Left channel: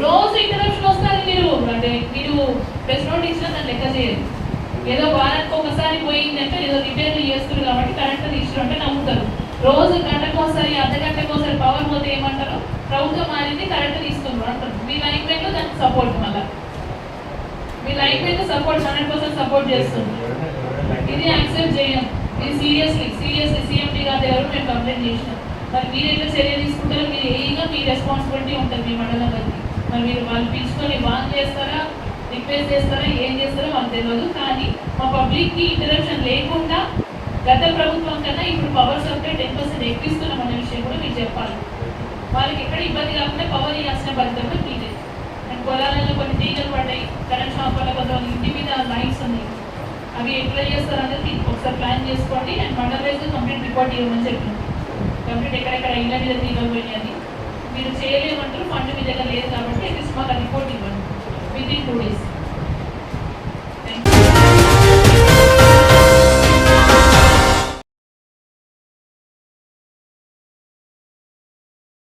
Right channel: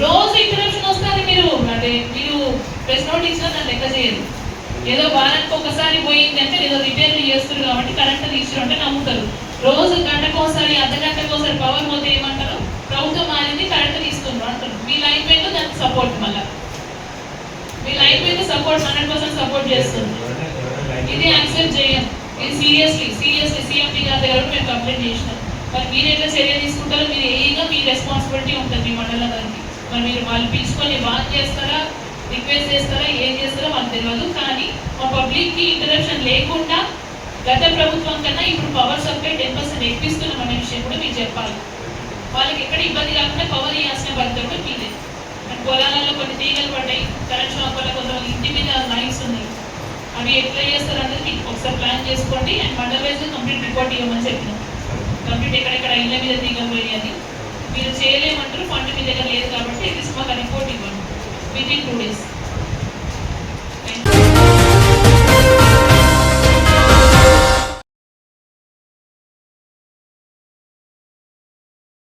రోజు ఇంటరప్షన్ వస్తుంది. మీరు ప్రెస్ నోట్ ఇచ్చినా దాన్ని లెక్క చేయదు. ఏదో వారానికి ఒకసారి పోయిందంటే ఏదో రిపేర్లు చేస్తారు కాబట్టి కరెంట్ తీసుకురు అంటే నమ్ముతారు. రోజు గంటకోసారి అర్ధగంటకోసారి పవర్ పోతే ఏమంటారు, ప్రభుత్వం మారింది కరెంట్ తీసుకున్నారు అంటారు. మీ లైన్ మీద దానికి సపోర్ట్, మళ్ళీ మీ లైన్ మీద సపోర్ట్ 100% సపోర్ట్ చేస్తుంది. ఇది యాక్సెప్ట్ చేయం. ఇది సీరియస్లీ సీఎండి గారి దగ్గర మేము కంప్లైంట్ చేసినాం. మరి మీరు ఎట్లా చర్య తీసుకుంటారో మీరు ఏగా మీ రెస్పాన్సిబిలిటీ ఉంటుంది మీ మండలం గారికి. మరి మీరు వాళ్ళు పిలుచుకొని వాన్ చేస్తారా, రిక్వెస్ట్ చేస్తారా, ఏం చేస్తారో వాళ్ళకి తెలియదు. కానీ మా పబ్లిక్కి ఇంటరప్షన్ లేకుండా గత ప్రభుత్వం కన్నా ఇప్పుడు పవర్ సప్లై 10% ఎక్కిస్తున్నాం అనే విషయం కూడా మీరు చెప్పాలి. వాళ్ళకి ఎక్కడ ఇబ్బంది కాకుండా పవర్ ఇవ్వాల్సిన బాధ్యత కూడా మీదే. అండ్ పొలాలలో కొన్ని తీగలు పడ్డాయి, కరెంట్ షాప్ వల్ల కొంత ఇంటి మీద లైన్స్ ఉన్నాయి. అవి ఎట్లా చేస్తారన్నది మీకు ఒకసారి ప్లాన్ చేసుకోండి. And mandal wise complete report ఇవ్వమని చెప్పినాం. కంప్లీట్ ఎక్కడెక్కడ ఇళ్ళ మీద తీగలు పోయి అది మీరు చేయలేమంటారు, ఫండ్ మీ దగ్గర లేదు కాబట్టి అట్లీస్ట్ మాకు రిపోర్ట్ ఇవ్వండి విత్ ఇన్ 2 days.